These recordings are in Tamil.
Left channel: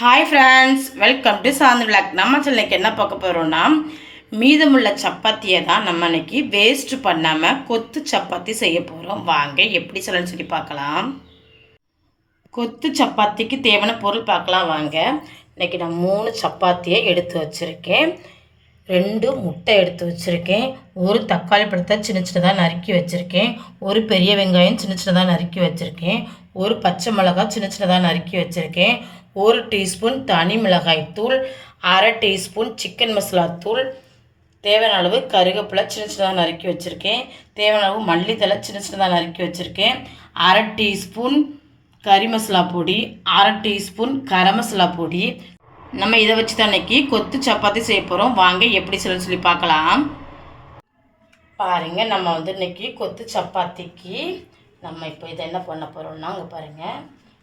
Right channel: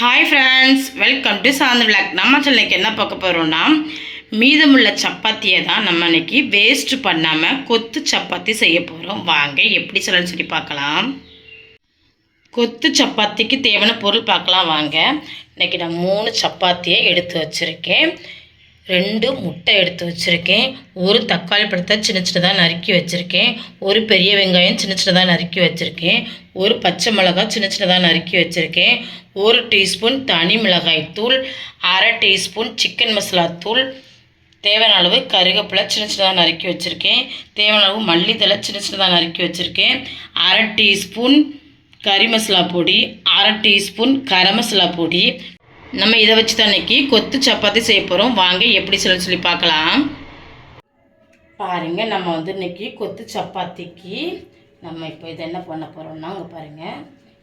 Hi friends welcome to Santh vlog நம்ம சென்னைக்கு என்ன பார்க்க போகிறோம்னா மீதமுள்ள சப்பாத்தியை தான் நம்ம இன்னைக்கு வேஸ்ட் பண்ணாமல் கொத்து சப்பாத்தி செய்ய போகிறோம் வாங்க எப்படி சொல்லணும்னு சொல்லி பார்க்கலாம். கொத்து சப்பாத்திக்கு தேவையான பொருள் பார்க்கலாம் வாங்க. இன்னைக்கு நான் மூணு சப்பாத்தியை எடுத்து வச்சுருக்கேன். ரெண்டு முட்டை எடுத்து வச்சுருக்கேன். ஒரு தக்காளி பழத்தை சின்ன சின்னதாக நறுக்கி வச்சுருக்கேன். ஒரு பெரிய வெங்காயம் சின்ன சின்னதாக நறுக்கி வச்சுருக்கேன். ஒரு பச்சை மிளகாய் சின்ன சின்னதாக நறுக்கி வச்சுருக்கேன். ஒரு டீஸ்பூன் தனி மிளகாய் தூள் அரை டீஸ்பூன் சிக்கன் மசாலா தூள். தேவையான அளவு கருவேப்பிலை சின்ன சின்னதாக நறுக்கி வச்சுருக்கேன். தேவையான அளவு மல்லித்தலை சின்ன சின்னதாக நறுக்கி வச்சுருக்கேன். அரை டீஸ்பூன் கறி மசாலா பொடி அரை டீஸ்பூன் கரம் மசாலா பொடி. நம்ம இதை வச்சு தான் இன்றைக்கி கொத்து சப்பாத்தி செய்ய போகிறோம் வாங்க எப்படி சொல்லி சொல்லி பார்க்கலாம். பாருங்கள் நம்ம வந்து இன்றைக்கி கொத்து சப்பாத்திக்கு நம்ம இப்போ இதை என்ன பண்ண போகிறோம்னா அங்கே பாருங்கள்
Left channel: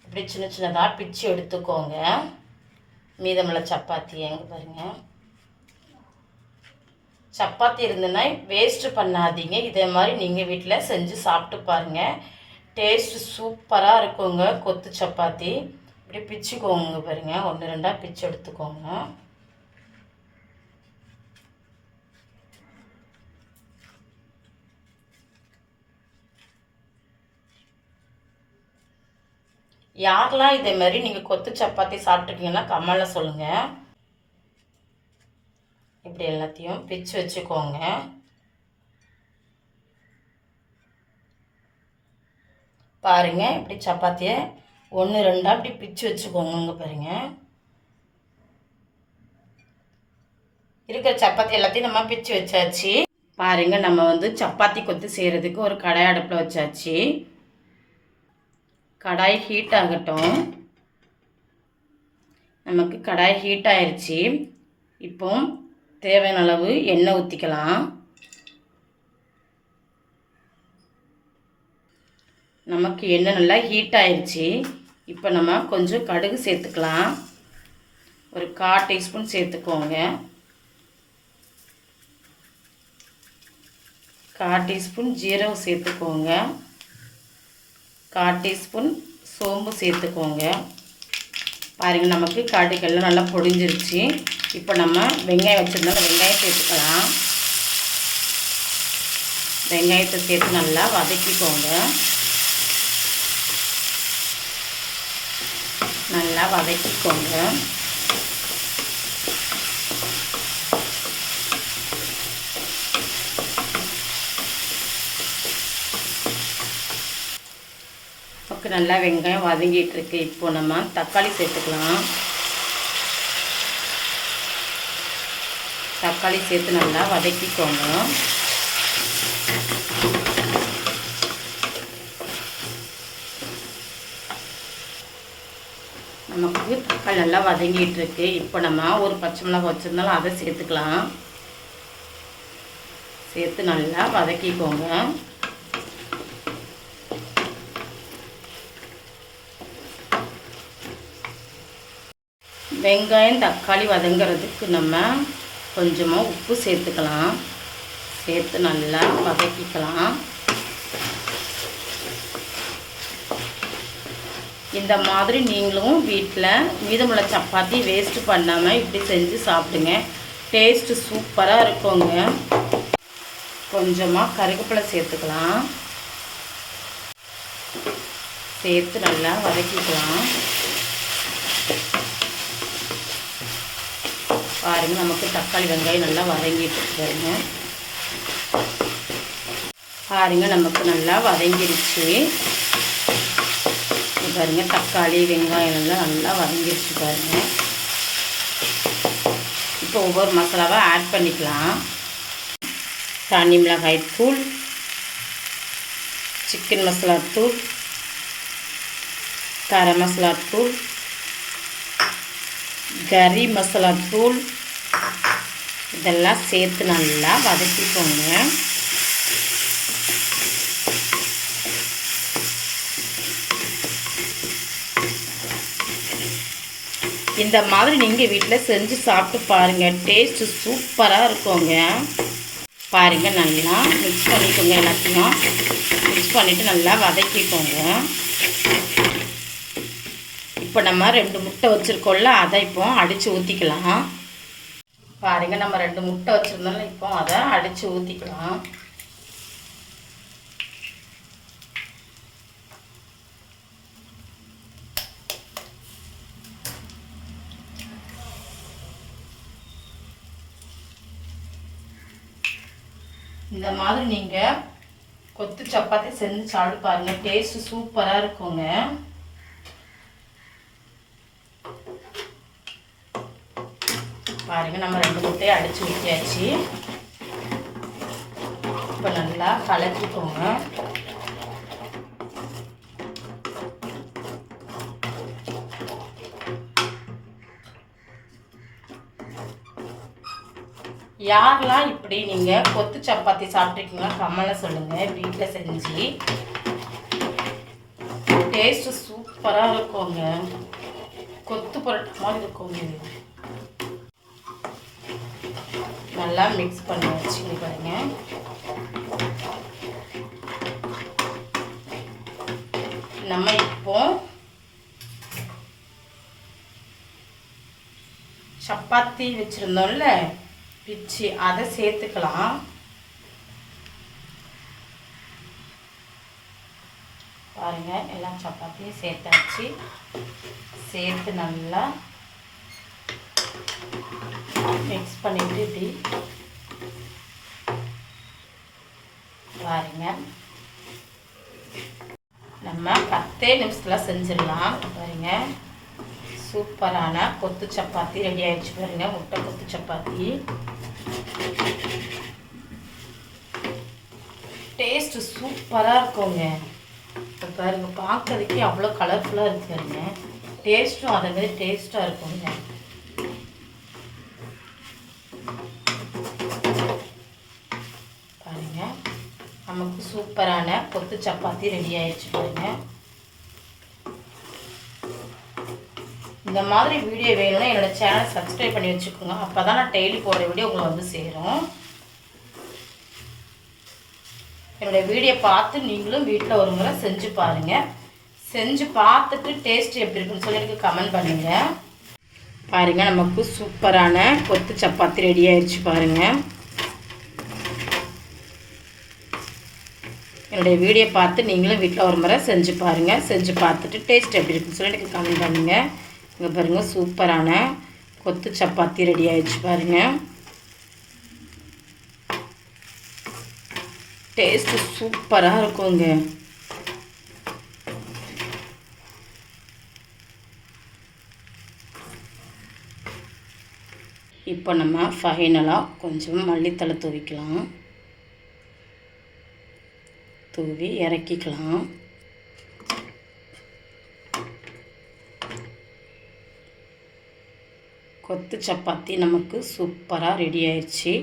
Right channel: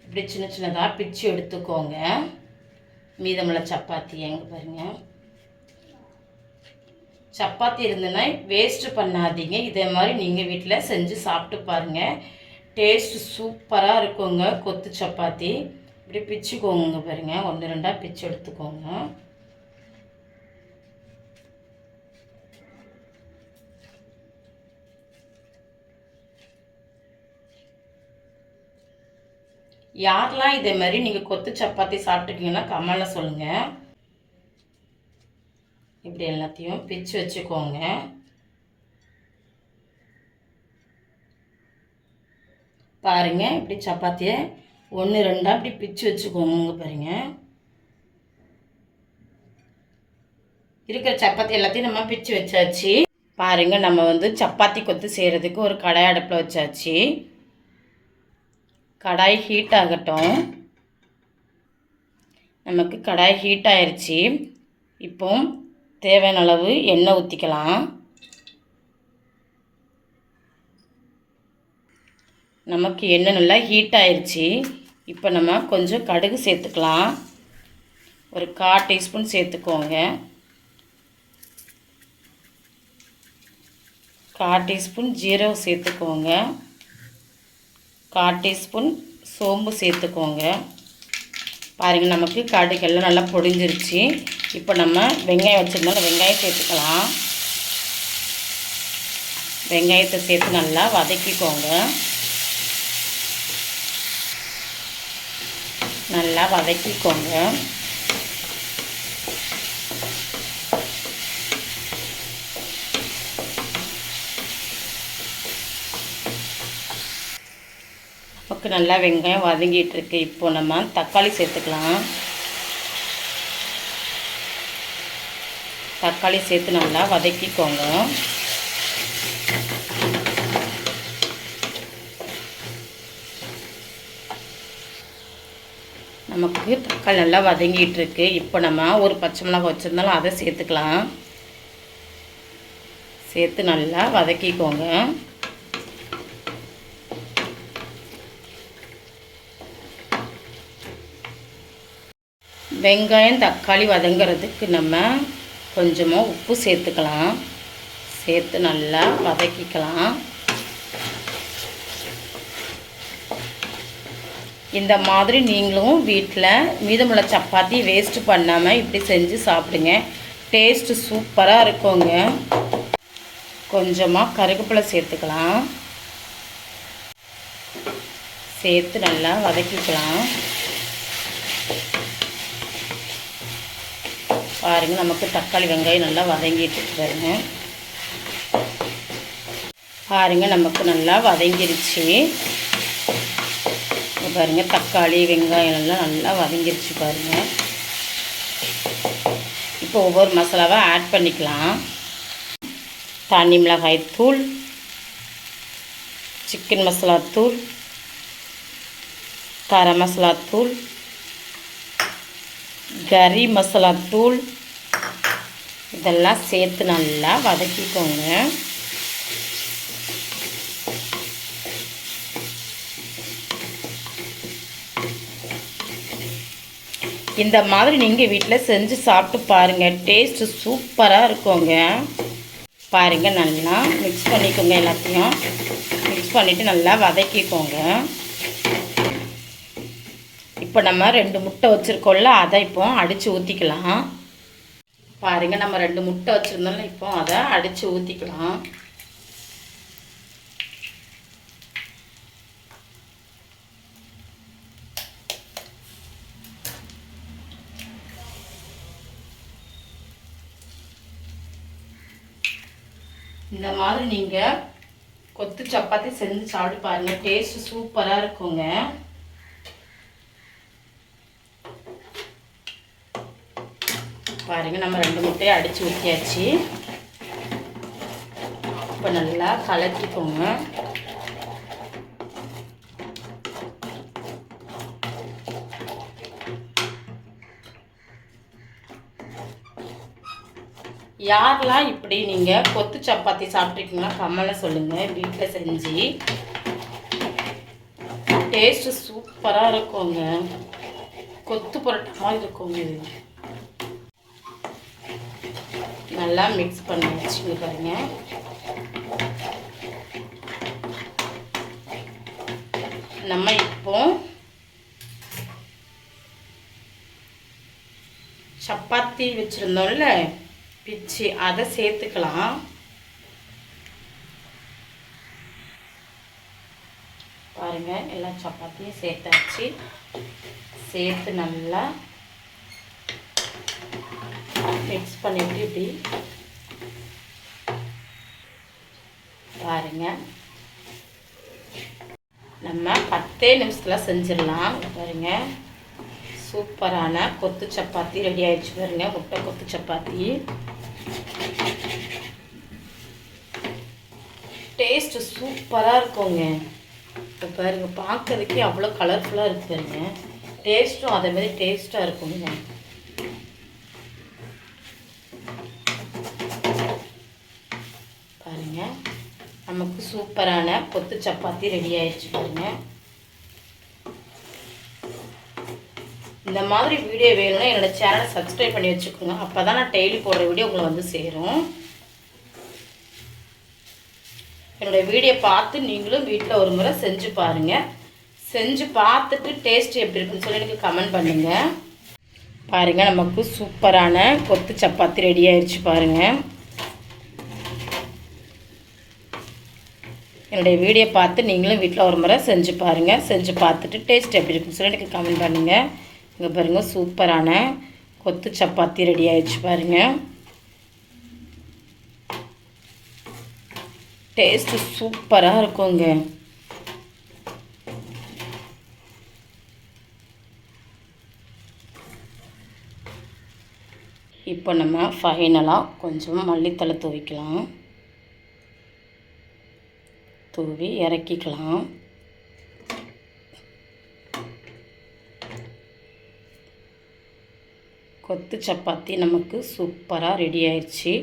இப்படி சின்ன சின்னதாக பிச்சு எடுத்துக்கோங்க. மீதமுள்ள சப்பாத்தி எங்கே பாருங்கள் சப்பாத்தி இருந்ததுன்னா வேஸ்ட்டு பண்ணாதீங்க. இதே மாதிரி நீங்கள் வீட்டில் செஞ்சு சாப்பிட்டு பாருங்கள் டேஸ்ட்டு சூப்பராக இருக்குங்க கொத்து சப்பாத்தி. இப்படி பிச்சுக்கோங்க பாருங்க. ஒன்று ரெண்டாக பிச்சு எடுத்துக்கோங்க. யாரெல்லாம் இதே மாதிரி நீங்கள் கொத்து சப்பாத்தி சாப்பிட்ருக்கீங்கன்னா கமலை சொல்லுங்கள் இப்படி எல்லாத்தையும் பிச்சு வச்சுக்கோங்க. பாருங்க இப்படி சப்பாத்தியை ஒன்று ரெண்டாக இப்படி பிச்சு வச்சுக்கோங்க பாருங்கள் இருக்கிற சப்பாத்தி எல்லாத்தையும் நம்ம பிச்சு வச்சாச்சு. பாருங்க நம்ம வந்து சப்பாத்தி கொத்து செய்கிறதுக்கு ஒரு கடாய் அடுப்பில் வச்சாச்சு. கடாய் ஹீட் ஆகட்டும். நமக்கு கடாய் ஹீட் ஆயிடுச்சு இப்போ தேவையான அளவு எண்ணெய் ஊற்றிக்கலாம் நமக்கு எண்ணெய் நல்லா ஹீட் ஆயிடுச்சு இப்போ நம்ம கொஞ்சம் கடுகு சேர்த்துக்கலாம். ஒரு கால் டீஸ்பூன் சேர்த்துக்கோங்க. கால் டீஸ்பூன் ஜீரகம் சேர்த்துக்கோங்க. கால் டீஸ்பூன் சோம்பு சேர்த்துக்கோங்க. பாருங்கள் நமக்கு கடுகெல்லாம் நல்லா பொடிஞ்சிருச்சு. இப்போ நம்ம வெங்காயம் வச்சுருந்தோம். வெங்காயம் சேர்த்துக்கலாம். வெங்காயத்தை சேர்த்து நல்லா வதக்கிக்கோங்க. நல்லா வதக்கிக்கோங்க. நமக்கு நல்லா வெங்காயம் வதங்கிட்டுருக்கு இப்போ நம்ம தக்காளி சேர்த்துக்கலாம். தக்காளி சேர்த்து நல்லா வதக்கிக்கோங்க. நமக்கு தக்காளி நல்லா வதங்கிட்டு இருக்கு. இப்போ நம்ம ஒரு பச்சை மிளகாய் வச்சுருந்தாலும் அதை சேர்த்துக்கலாம். சேர்த்து நல்லா வதக்கிக்கோங்க. வெங்காயம் தக்காளி வதங்கிறதுக்கு நம்ம கொஞ்சமாக உப்பு சேர்த்துக்கலாம். சேர்த்து நல்லா வதக்கிக்கலாம். இந்த மாதிரி நீங்களும் வீட்டில் மீதமுள்ள சப்பாத்தி வேஸ்ட்டு பண்ணாமல் இப்படி செஞ்சு சாப்பிடுங்க. டேஸ்ட்டு சூப்பராக இருக்குங்க. கொஞ்சமாக கருவேப்பிலை சேர்த்துக்கலாம். சேர்த்து நல்லா வதக்கிக்கலாம். பாருங்கள் நமக்கு தக்காளி வெங்காயம் நல்லா வதங்கிட்டு பாருங்க பாருங்கள் நமக்கு நல்லா வதங்கிருச்சு. பாருங்க தக்காளி வெங்காயம் எல்லாம் நல்லா வதங்கிருச்சு பாருங்க. இப்போ ஒவ்வொரு மசாலாவாக ஆட் பண்ணிக்கலாம். தனி மிளகாய் தூள் சிக்கன் மசாலா தூள் கரம் மசாலா தூள் கறி மசாலா தூள் இதெல்லாம் சேர்த்து நல்லா வதக்கிக்கோங்க. இந்த மாதிரி நீங்கள் வீட்டில் செஞ்சு சாப்பிட்டு பாருங்கள் டேஸ்ட்டு சூப்பராக இருக்குங்க. பாருங்கள் நல்லா மிக்ஸ் பண்ணிக்கோங்க எல்லாத்தையும். மிக்ஸ் பண்ணிவிட்டு நல்லா வதக்கிக்கோங்க. இப்போ நம்ம ரெண்டு முட்டை வச்சுருக்கோம்ல அதை இப்போ அடித்து ஊற்றிக்கலாம் பாருங்க நம்ம ரெண்டு முட்டை வச்சுருந்தோம்ல இப்போ அதை அடித்து ஊற்றிக்கலாம் இந்த மாதிரி நீங்கள் கொத்து சப்பாத்தி செஞ்சு சாப்பிட்டு பாருங்க டேஸ்ட்டு சூப்பராக இருக்குங்க. பாருங்க நம்ம ரெண்டு முட்டையை அடிச்சு ஊற்றியாச்சு இப்போ நல்லா கலக்கிக்கோங்க. யாரெல்லாம் இப்படி நீங்கள் கொத்து சப்பாத்தி சாப்பிட்ருக்கீங்களா கம்மலை சொல்லுங்கள் வீட்டில் செஞ்சு. டேஸ்ட்டு சூப்பராக இருக்குங்க. கொத்து புரட்டமாக இருக்குங்க இது நல்லா மிக்ஸ் பண்ணி வச்சுக்கிறேங்க பாருங்க நம்ம இப்போ சப்பாத்தி வச்சுருந்தோம்ல பிச்சு அதை சேர்த்துக்கலாம். பாருங்கள் எல்லா சப்பாத்தியும் சேர்த்தாச்சு. சேர்த்து நல்லா மிக்ஸ் பண்ணிவிட்டு இப்படி பாருங்க. நம்ம பத்தே நிமிஷத்தில் செஞ்சிடலாம். பாருங்க. சூப்பரான கொத்து சப்பாத்தி ரெடி ஆயிடுச்சு பாருங்க. முட்டை கொத்து சப்பாத்தி. டேஸ்ட்டு சூப்பராக இருக்குங்க. இப்போ பாருங்க பார்க்கறதுக்கே அவ்வளோ கலர்ஃபுல்லாக இருக்குங்க டேஸ்ட்டும் அதே மாதிரி டேஸ்ட்டாக இருக்குங்க பாருங்க நமக்கு சூப்பரான கொத்து சப்பாத்தி ரெடி ஆயிடுச்சு பாருங்க. இந்த மாதிரி வீடியோ வேணும்னா என்னோட சேனலை சப்ஸ்கிரைப் பண்ணி வச்சுக்கோங்க. அப்போ தான் நான் டெய்லி போடுற வீடியோ உங்களை வந்து சேரும். என்னோடய வீடியோ பார்த்து நீங்களும் வீட்டில் ஒரு முறை செஞ்சு பாருங்கள் செஞ்சு பார்த்துட்டு டேஸ்ட் எப்படி இருக்குன்னு சொல்லி எனக்கு கமெண்ட் பண்ணுங்கள் பாருங்கள் நமக்கு சூப்பரான கொத்து சப்பாத்தி ரெடி ஆயிடுச்சு பாருங்கள் என்னுடைய வீடியோ பார்த்து நீங்களும் வீட்டில் ஒரு முறை செஞ்சு பாருங்கள் செஞ்சு பார்த்துட்டு டேஸ்ட் எப்படி இருக்குன்னு சொல்லி எனக்கு கமெண்ட் பண்ணுங்கள் இங்கே பாருங்கள் சூப்பரான கொத்து சப்பாத்தி ரெடி ஆகிடுச்சு பாருங்கள் டேஸ்ட்டு சூப்பராக இருக்குங்க. இப்போ நம்ம ஃபைனலாக கொஞ்சம் மல்லித்தலை துவைக்கலாம். தூவி இறக்கிக்கலாம். கொத்து சப்பாத்தி நமக்கு சூப்பராக ரெடி ஆயிடுச்சு.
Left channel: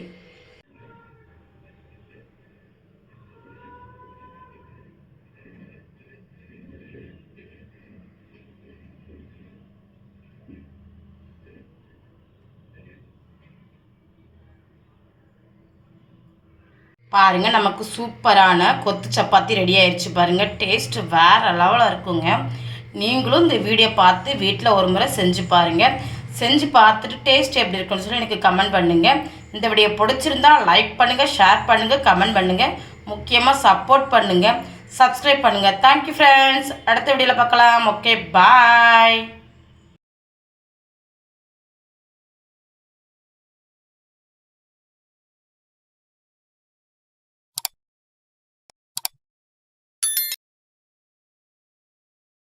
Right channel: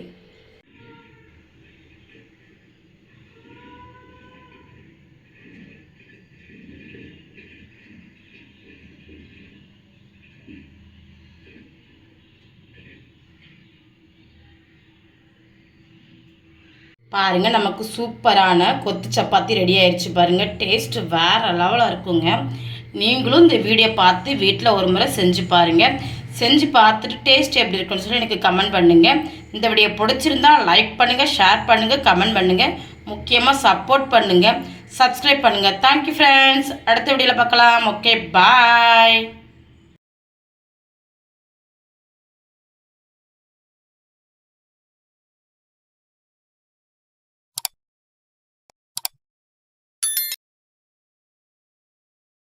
பாருங்கள் நமக்கு சூப்பரான கொத்து சப்பாத்தி ரெடி ஆயிடுச்சு பாருங்கள் டேஸ்ட்டு வேற லெவலில் இருக்குங்க. நீங்களும் இந்த வீடியோ பார்த்து வீட்டில் ஒரு முறை செஞ்சு பாருங்கள் செஞ்சு பார்த்துட்டு டேஸ்ட் எப்படி இருக்குன்னு சொல்லி எனக்கு கமெண்ட் பண்ணுங்கள் இந்த வீடியோ பிடிச்சிருந்தா லைக் பண்ணுங்கள் ஷேர் பண்ணுங்கள் கமெண்ட் பண்ணுங்கள் முக்கியமாக சப்போர்ட் பண்ணுங்கள் சப்ஸ்கிரைப் பண்ணுங்கள் தேங்க்யூ ஃப்ரெண்ட்ஸ் அடுத்த வீடியோவில் பார்க்கலாம். Okay bye